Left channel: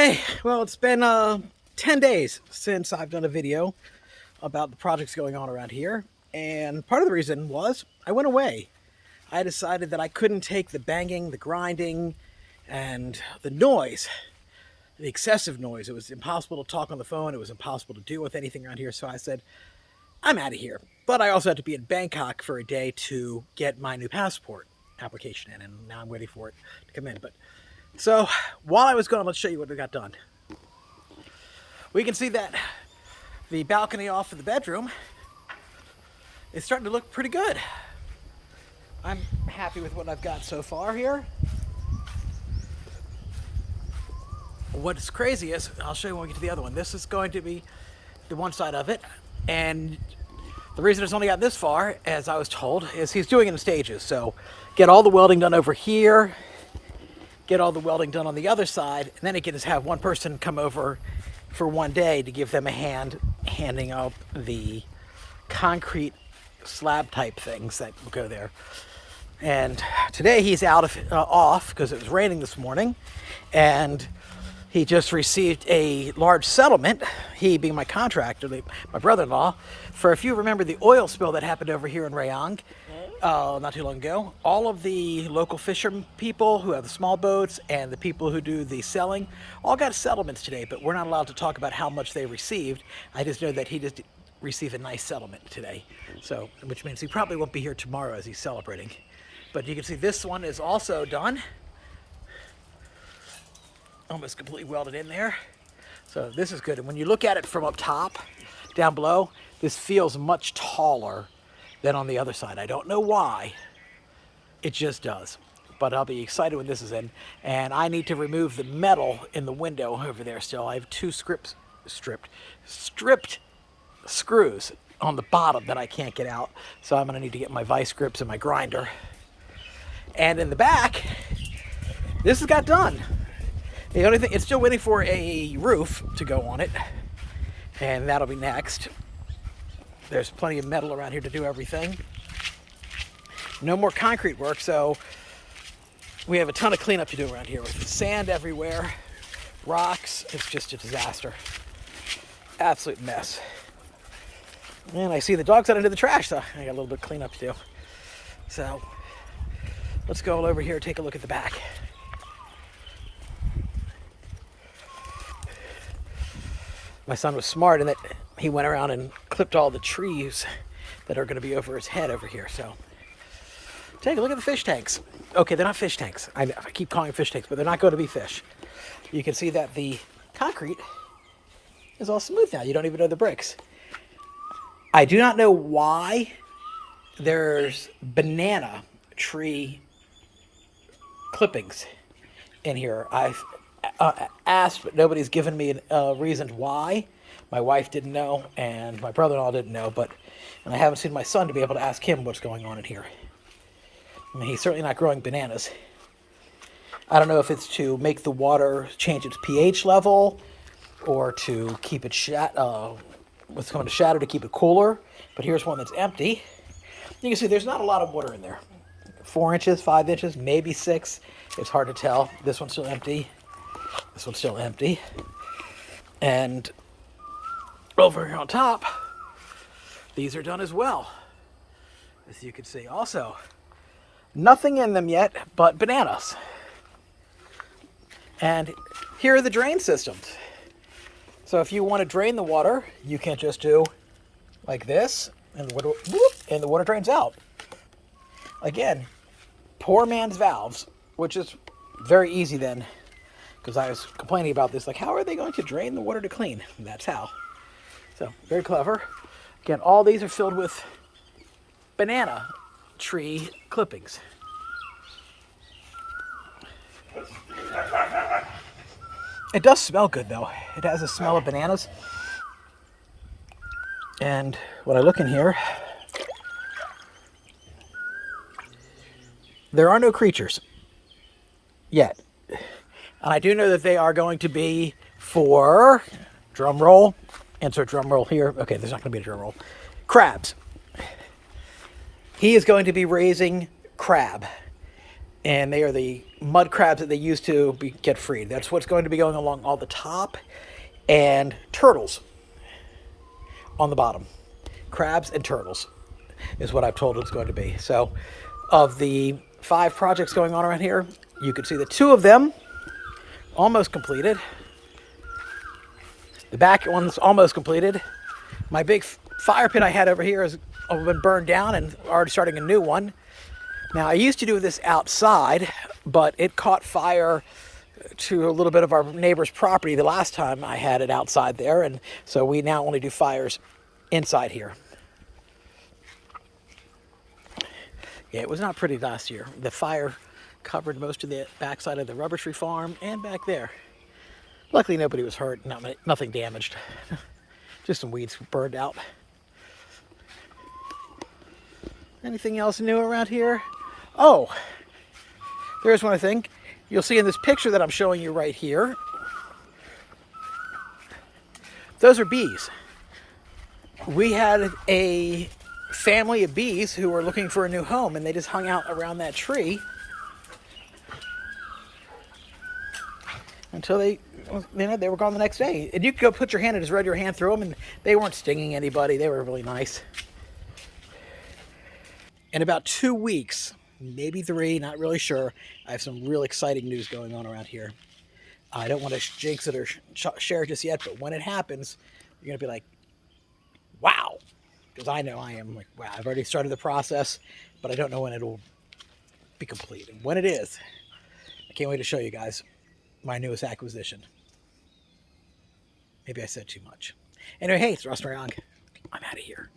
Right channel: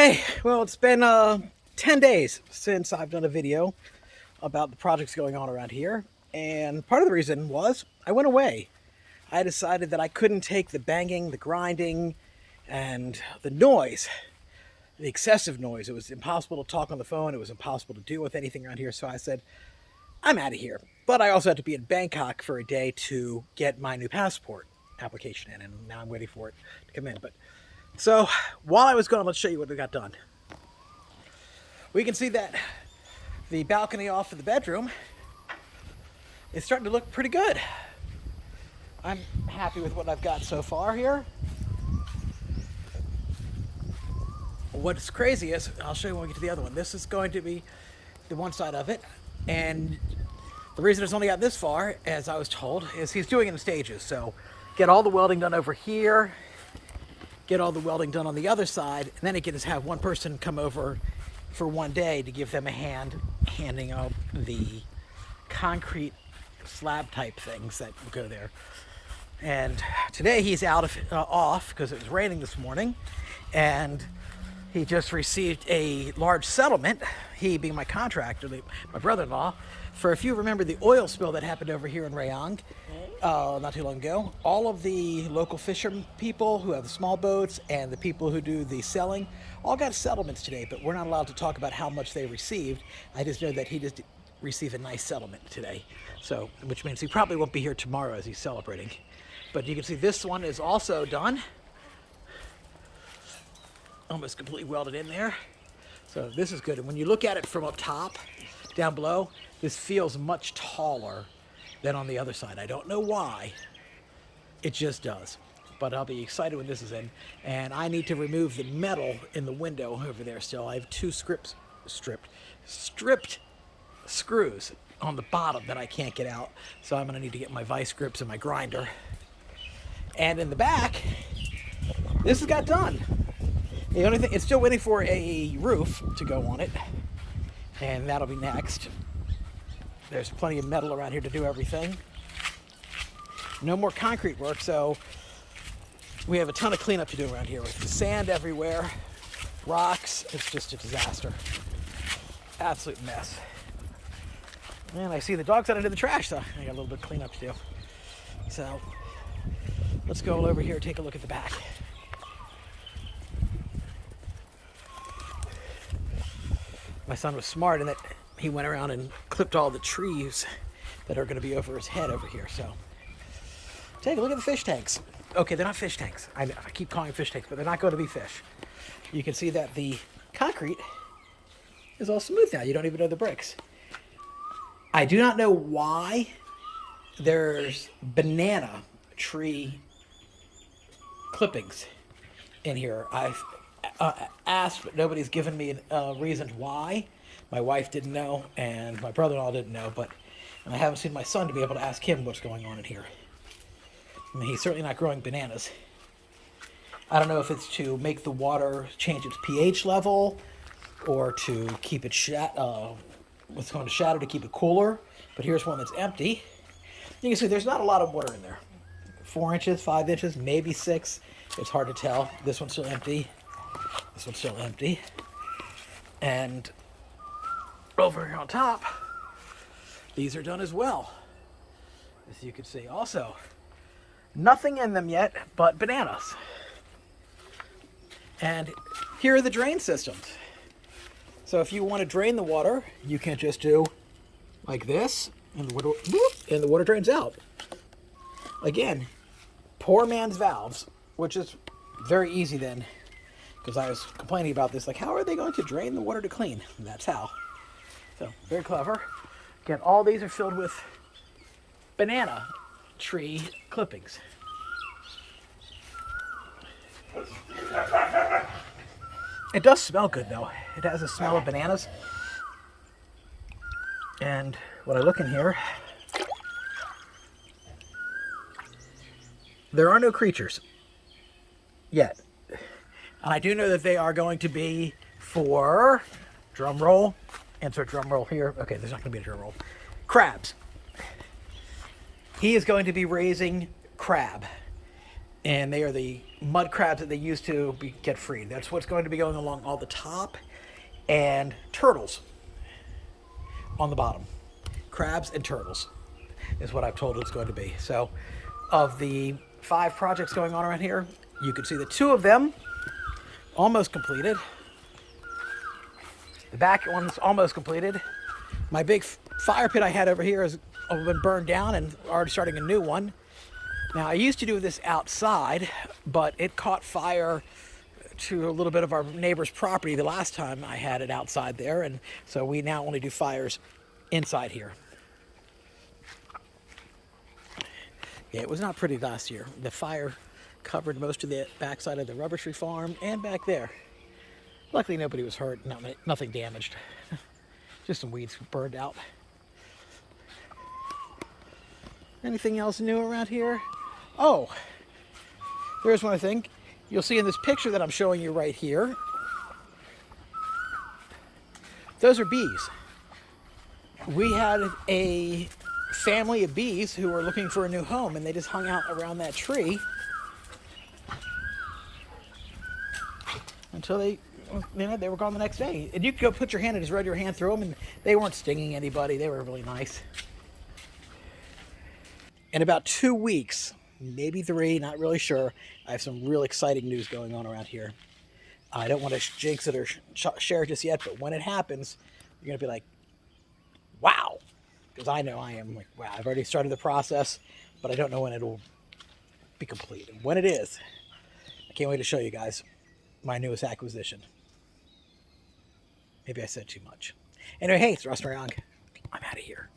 Hey, well, it's been 10 days since I've done a video about the projects going on around here. And part of the reason was I went away. I decided that I couldn't take the banging, the grinding, and the noise, the excessive noise. It was impossible to talk on the phone. It was impossible to deal with anything around here. So I said, I'm out of here. But I also had to be in Bangkok for a day to get my new passport application in. And now I'm waiting for it to come in. But so while I was gone, let's show you what we got done. We can see that the balcony off of the bedroom is starting to look pretty good. I'm happy with what I've got so far here. What's crazy is, I'll show you when we get to the other one. This is going to be the one side of it. And the reason it's only got this far, as I was told, is he's doing it in stages. So get all the welding done over here, get all the welding done on the other side, and then he can just have one person come over for one day to give them a hand handing out the concrete slab type things that will go there. And today he's off because it was raining this morning, and he just received a large settlement, he being my contractor, my brother-in-law, for, if you remember the oil spill that happened over here in Rayong not too long ago. All of the local fishermen people who have the small boats and the people who do the selling all got settlements today, but we're not allowed to talk about how much they received. I just know that he just received a nice settlement today, so which means he probably won't be here tomorrow as he's celebrating. But you can see this one is also done, almost completely welded in there. So this is good. And when you look at it from up top down below, this feels much taller than on the other side. I don't know why, it just does. But I'll be excited when this is in. And I need to remove the metal in the window over there still. I have two stripped screws on the bottom that I can't get out. So I'm gonna need to get my vice grips and my grinder. And in the back, this has got done. The only thing, it's still waiting for a roof to go on it, and that'll be next. There's plenty of metal around here to do everything. No more concrete work, so we have a ton of cleanup to do around here with sand everywhere, rocks. It's just a disaster. Absolute mess. And I see the dogs out into the trash, so I got a little bit of cleanup to do. So let's go over here and take a look at the back. My son was smart in that he went around and clipped all the trees that are going to be over his head over here. So take a look at the fish tanks. Okay, they're not fish tanks. I keep calling them fish tanks, but they're not going to be fish. You can see that the concrete is all smooth now. You don't even know the bricks. I do not know why there's banana tree clippings in here. I've asked, but nobody's given me a reason why. My wife didn't know, and my brother-in-law didn't know, and I haven't seen my son to be able to ask him what's going on in here. I mean, he's certainly not growing bananas. I don't know if it's to make the water change its pH level, or to keep it what's going to shadow to keep it cooler. But here's one that's empty. You can see there's not a lot of water in there. 4 inches, 5 inches, maybe 6. It's hard to tell. This one's still empty. This one's still empty. And over here on top, these are done as well. As you can see, also, nothing in them yet but bananas. And here are the drain systems. So if you want to drain the water, you can just do like this, and the water drains out. Again, poor man's valves, which is very easy then, because I was complaining about this, like, how are they going to drain the water to clean? And that's how. So, very clever. Again, all these are filled with banana tree clippings. It does smell good, though. It has a smell of bananas. And when I look in here, there are no creatures yet. And I do know that they are going to be for, drum roll, insert drum roll here. Okay, there's not going to be a drum roll. Crabs. He is going to be raising crab. And they are the mud crabs that they use to get freed. That's what's going to be going along all the top. And turtles on the bottom. Crabs and turtles is what I've told it's going to be. So of the 5 projects going on around here, you can see the 2 of them almost completed. The back one's almost completed. My big fire pit I had over here has been burned down and already starting a new one. Now, I used to do this outside, but it caught fire to a little bit of our neighbor's property the last time I had it outside there, and so we now only do fires inside here. Yeah, it was not pretty last year. The fire covered most of the backside of the rubber tree farm and back there. Luckily, nobody was hurt, nothing damaged. Just some weeds burned out. Anything else new around here? Oh, there's one thing. You'll see in this picture that I'm showing you right here. Those are bees. We had a family of bees who were looking for a new home, and they just hung out around that tree until they were gone the next day. And you could go put your hand and just run your hand through them, and they weren't stinging anybody. They were really nice. In about 2 weeks, maybe 3, not really sure, I have some real exciting news going on around here. I don't want to jinx it or share it just yet, but when it happens, you're going to be like, wow. Because I know I am like, wow, I've already started the process, but I don't know when it'll be complete. And when it is, I can't wait to show you guys my newest acquisition. Maybe I said too much. Anyway, hey, it's Russ Moryong. I'm out of here.